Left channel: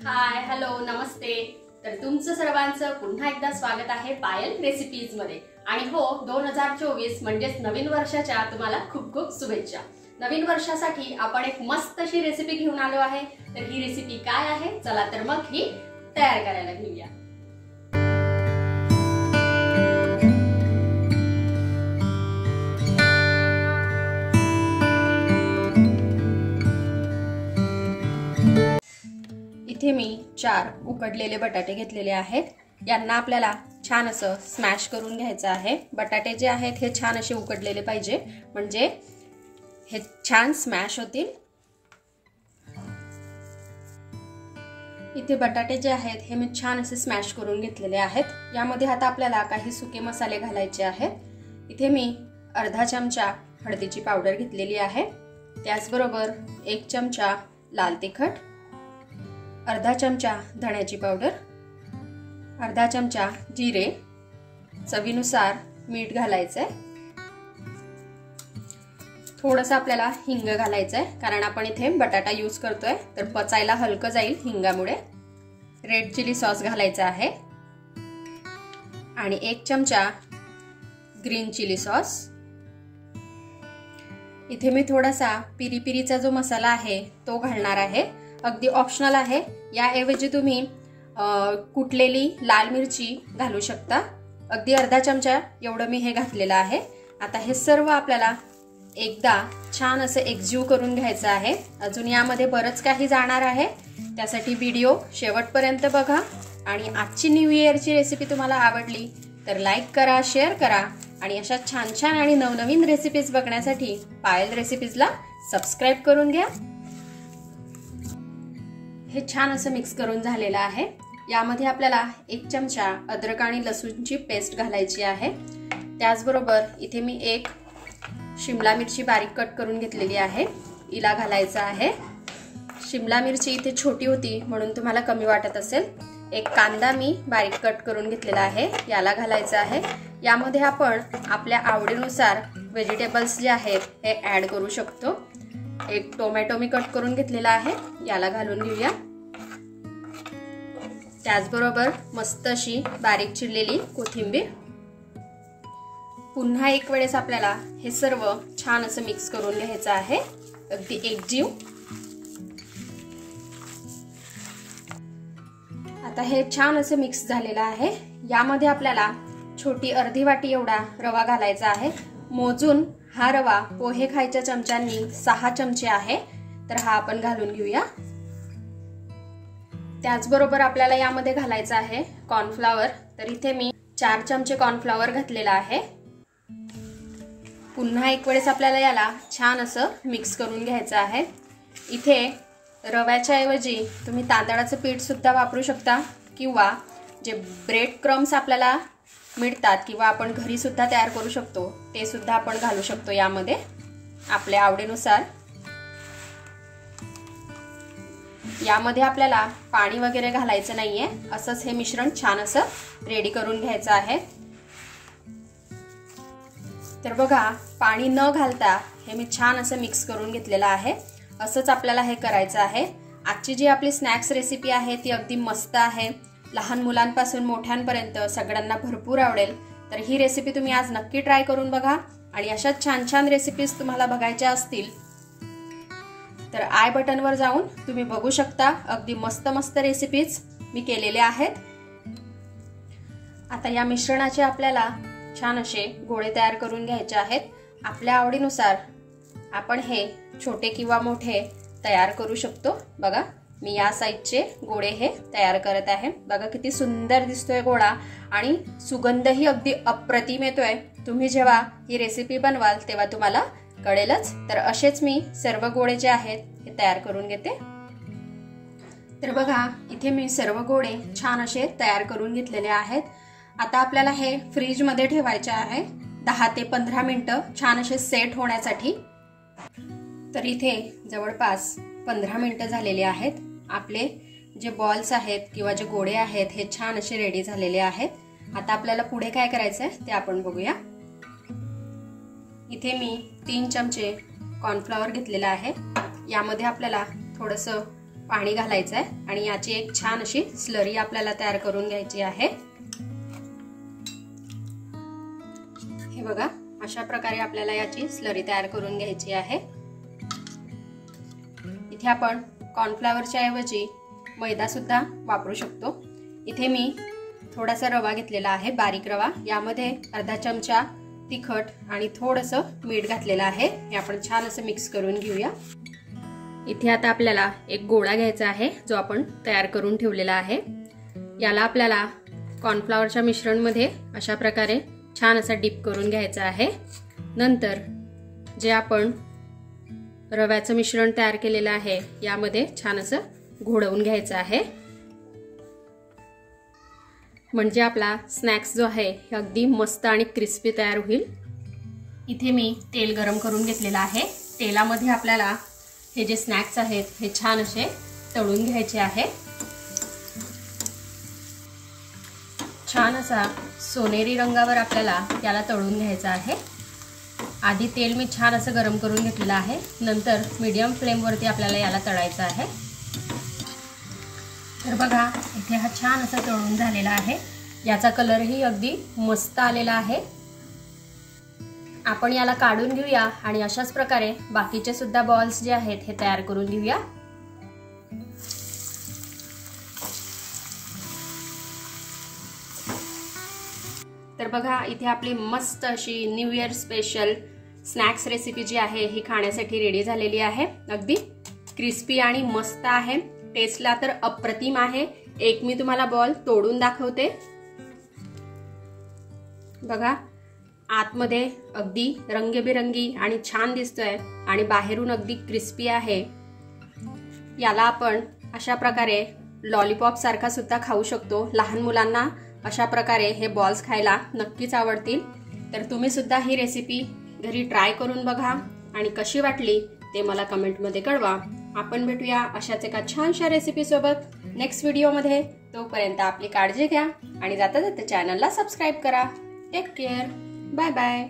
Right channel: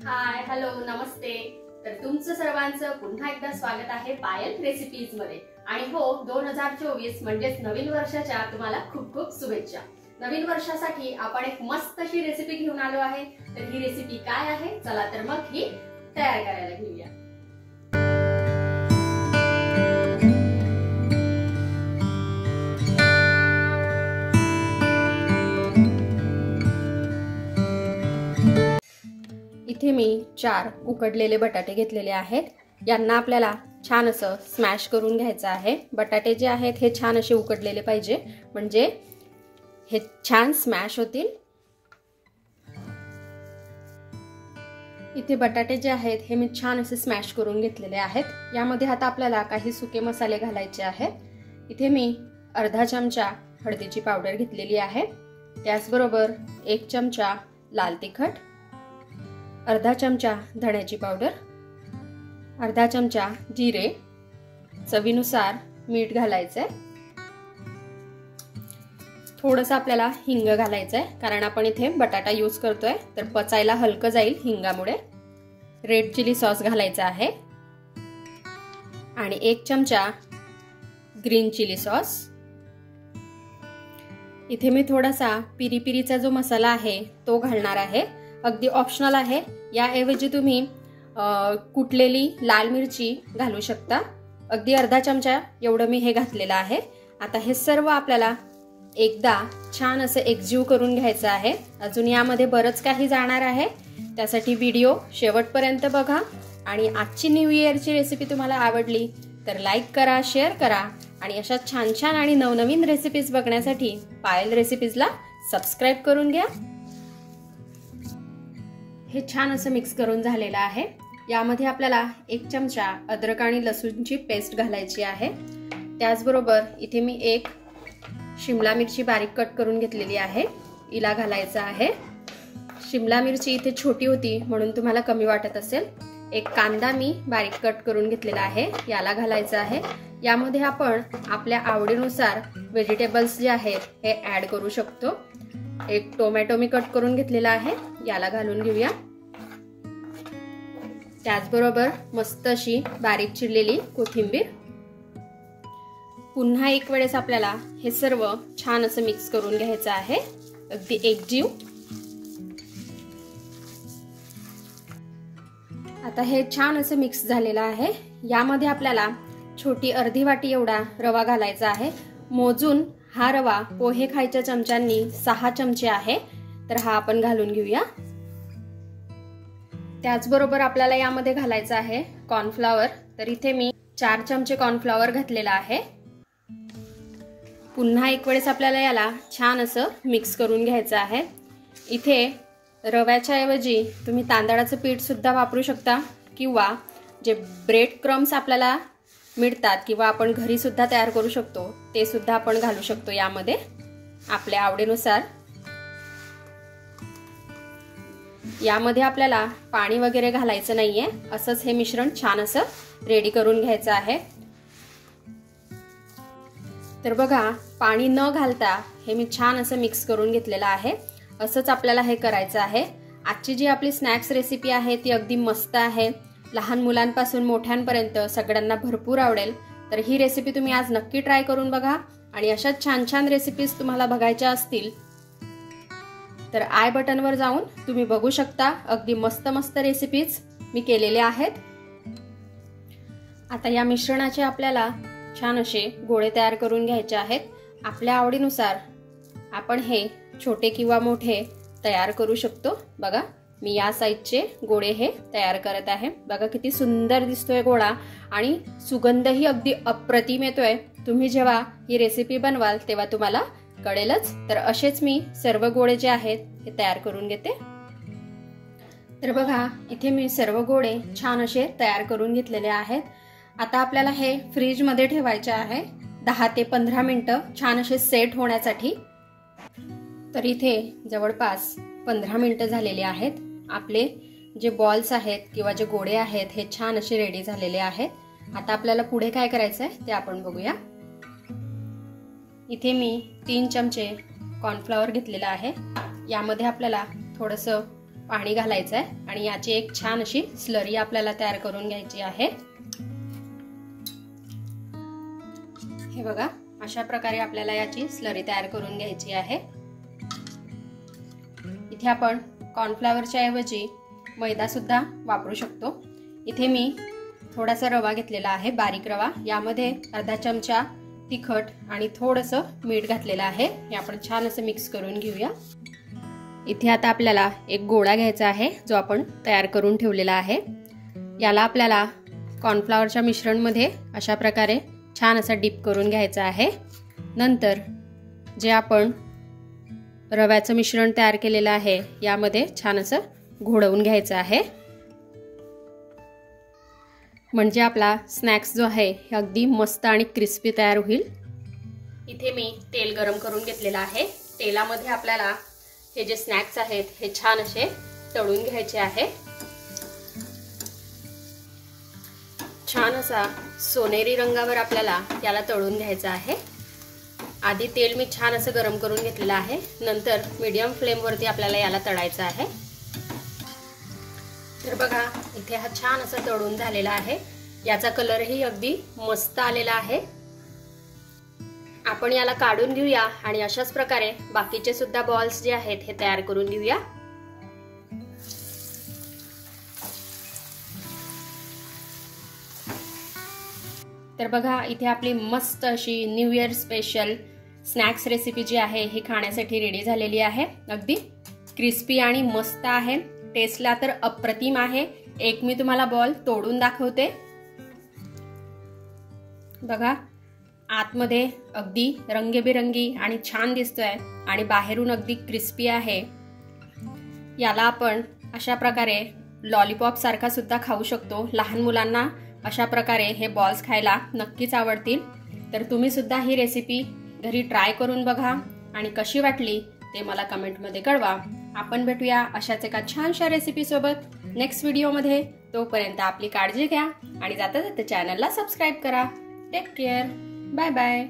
Hi hello नमस्ते। तर तुमचं सर्वांचं पुन्हा एकदा स्वागत आहे पायल रेसिपीज मध्ये। आणि हो 2024 म्हणजेच नवीन वर्षाच्या तुम्हाला खूप खूप शुभेच्छा। नवीन वर्षासाठी आपण एक मस्त अशी रेसिपी घेऊन आलो आहे। तर ही रेसिपी काय आहे चला तर मग ही तयार करायला घेऊया। इथे मी 4 उकडलेले बटाटे घेतलेले आहेत। यांना आपल्याला छान असं स्मॅश करून घ्यायचं आहे। बटाटे जे आहेत हे छान असे उकडलेले पाहिजे, म्हणजे हे छान स्मॅश होतील। इथे बटाटे जे आहेत हे मी छान असे स्मॅश करून घेतलेले आहेत। यामध्ये आता आपल्याला काही सुके मसाले घालायचे आहेत। इथे मी अर्धा चमचा हळदीची पावडर घेतलेली आहे, त्याचबरोबर 1 चमचा लाल तिखट, अर्धा चमचा धण्याची पावडर, अर्धा चमचा जिरे, चवीनुसार मीठ घालायचंय। थोडंसं आपल्याला हिंग घालायचंय, कारण आपण इथे बटाटा यूज करतोय तर पचायला हलकं जाईल हिंगामुळे। रेड चिली सॉस घालायचा आहे आणि 1 चमचा ग्रीन चिली सॉस। इथे मी थोडासा पिरी पिरीचा जो मसाला आहे तो घालणार आहे, अगदी ऑप्शनल आहे। याऐवजी तुम्ही कुटलेली लाल मिरची घालू शकता। अगदी अर्धा चमचा एवढं मी हे घातलेलं आहे। आता हे सर्व आपल्याला एकदा छान असं एकजीव करून घ्यायचं आहे। अजून यामध्ये बरंच काही जाणार आहे, त्यासाठी व्हिडिओ शेवटपर्यंत बघा। आणि आजची न्यू इयरची रेसिपी तुम्हाला आवडली तर लाईक करा, शेअर करा आणि अशा छान छान आणि नवनवीन रेसिपीज बघण्यासाठी पायल रेसिपीजला सबस्क्राईब करून घ्या। हे छान असं मिक्स करून झालेलं आहे। यामध्ये आपल्याला 1 चमचा अद्रक आणि लसूणची पेस्ट घालायची आहे। त्याचबरोबर इथे मी 1 शिमला मिरची बारीक कट करून घेतलेली आहे, हिला घालायचं आहे। शिमला मिरची इथे छोटी होती म्हणून तुम्हाला कमी वाटत असेल। 1 कांदा मी बारीक कट करून घेतलेला आहे, याला घालायचं आहे। यामध्ये आपण आपल्या आवडीनुसार व्हेजिटेबल्स जे आहेत हे ऍड करू शकतो। 1 टोमॅटो मी कट करून घेतलेला आहे, याला घालून घेऊया। त्याचबरोबर मस्त अशी बारीक चिरलेली कोथिंबीर। पुन्हा एक वेळेस आपल्याला हे सर्व छान असं मिक्स करून घ्यायचं आहे, अगदी एकजीव। आता हे छान असं मिक्स झालेलं आहे। यामध्ये आपल्याला छोटी अर्धी वाटी एवढा रवा घालायचा आहे। मोजून हा रवा पोहे खायच्या चमच्यांनी 6 चमचे आहे, तर हा आपण घालून घेऊया। त्याचबरोबर आपल्याला यामध्ये घालायचं आहे कॉर्नफ्लॉवर, तर इथे मी 4 चमचे कॉर्नफ्लॉवर घातलेला आहे। पुन्हा एक वेळेस आपल्याला याला छान असं मिक्स करून घ्यायचं आहे। इथे रव्याच्या ऐवजी तुम्ही तांदळाचं पीठ सुद्धा वापरू शकता, किंवा जे ब्रेड क्रम्स आपल्याला मिळतात किंवा आपण घरी सुद्धा तयार करू शकतो ते सुद्धा आपण घालू शकतो यामध्ये आपल्या आवडीनुसार। यामध्ये आपल्याला पाणी वगैरे घालायचं नाहीये, असंच हे मिश्रण छान असं रेडी करून घ्यायचं आहे। तर बघा, पाणी न घालता हे मी छान असं मिक्स करून घेतलेलं आहे। असंच आपल्याला हे करायचं आहे। आजची जी आपली स्नॅक्स रेसिपी आहे ती अगदी मस्त आहे, लहान मुलांपासून मोठ्यांपर्यंत सगळ्यांना भरपूर आवडेल। तर ही रेसिपी तुम्ही आज नक्की ट्राय करून बघा। आणि अशा छान छान रेसिपीज तुम्हाला बघायच्या असतील तर आय बटनवर जाऊन तुम्ही बघू शकता, अगदी मस्त मस्त रेसिपीज मी केलेल्या आहेत। आता या मिश्रणाचे आपल्याला छान असे गोळे तयार करून घ्यायचे आहेत। आपल्या आवडीनुसार आपण हे छोटे किंवा मोठे तयार करू शकतो। बघा, मी या साइजचे गोळे हे तयार करत आहे। बघा किती सुंदर दिसतोय गोळा, आणि सुगंधही अगदी अप्रतिम येतोय। तुम्ही जेव्हा ही रेसिपी बनवाल तेव्हा तुम्हाला कळेलच। तर असेच मी सर्व गोळे जे आहेत हे तयार करून घेते। तर बघा, इथे मी सर्व गोळे छान असे तयार करून घेतलेले आहेत। आता आपल्याला हे फ्रीज मध्ये ठेवायचे आहे 10 ते 15 मिनिटं छान असे सेट होण्यासाठी। तर इथे जवळपास 15 मिनिटं झालेली आहेत। आपले जे बॉल्स आहेत किंवा जे गोळे आहेत हे छान असे रेडी झालेले आहेत। आता आपल्याला पुढे काय करायचं आहे ते आपण बघूया। इथे मी 3 चमचे कॉर्नफ्लॉवर घेतलेला आहे। यामध्ये आपल्याला थोडंसं पाणी घालायचं आहे आणि याची एक छान अशी स्लरी आपल्याला तयार करून घ्यायची आहे। हे बघा, अशा प्रकारे आपल्याला याची स्लरी तयार करून घ्यायची आहे। इथे आपण कॉर्नफ्लॉवरच्या ऐवजी मैदा सुद्धा वापरू शकतो। इथे मी थोडासा रवा घेतलेला आहे, बारीक रवा। यामध्ये अर्धा चमचा तिखट आणि थोडंसं मीठ घातलेलं आहे। हे आपण छान असं मिक्स करून घेऊया। इथे आता आपल्याला एक गोळा घ्यायचा आहे जो आपण तयार करून ठेवलेला आहे। याला आपल्याला कॉर्नफ्लॉवरच्या मिश्रणमध्ये अशा प्रकारे छान असं डिप करून घ्यायचं आहे। नंतर जे आपण रव्याचं मिश्रण तयार केलेलं आहे यामध्ये छान असं घोळवून घ्यायचं आहे, म्हणजे आपला स्नॅक्स जो आहे हे अगदी मस्त आणि क्रिस्पी तयार होईल। इथे मी तेल गरम करून घेतलेलं आहे। तेलामध्ये आपल्याला हे जे स्नॅक्स आहेत हे छान असे तळून घ्यायचे आहे। छान असा सोनेरी रंगावर आपल्याला याला तळून घ्यायचं आहे। आधी तेल मी छान असं गरम करून घेतलेलं आहे, नंतर मीडियम फ्लेम वरती आपल्याला याला तळायचं आहे। तर बघा, इथे हा छान असा तळून झालेला आहे। याचा कलरही अगदी मस्त आलेला आहे। आपण याला काढून घेऊया आणि अशाच प्रकारे बाकीचे सुद्धा बॉल्स जे आहेत हे तयार करून घेऊया। तर बघा, इथे आपली मस्त अशी new year special snacks recipe जी आहे ही खाण्यासाठी रेडी झालेली आहे। अगदी क्रिस्पी आणि मस्त आहे, टेस्टला तर अप्रतिम आहे। एक मी तुम्हाला बॉल तोडून दाखवते। बघा, आतमध्ये अगदी रंगीबेरंगी आणि छान दिसतोय आणि बाहेरून अगदी क्रिस्पी आहे। याला आपण अशा प्रकारे लॉलीपॉप सारखा सुद्धा खाऊ शकतो। लहान मुलांना अशा प्रकारे हे बॉल्स खायला नक्कीच आवडतील। तर तुम्ही सुद्धा ही रेसिपी घरी ट्राय करून बघा आणि कशी वाटली ते मला कमेंटमध्ये कळवा। आपण भेटूया अशाच एका छानशा रेसिपी सोबत नेक्स्ट व्हिडिओमध्ये। तोपर्यंत आपली काळजी घ्या आणि जाता जाता चॅनलला सबस्क्राईब करा। Take care, bye bye.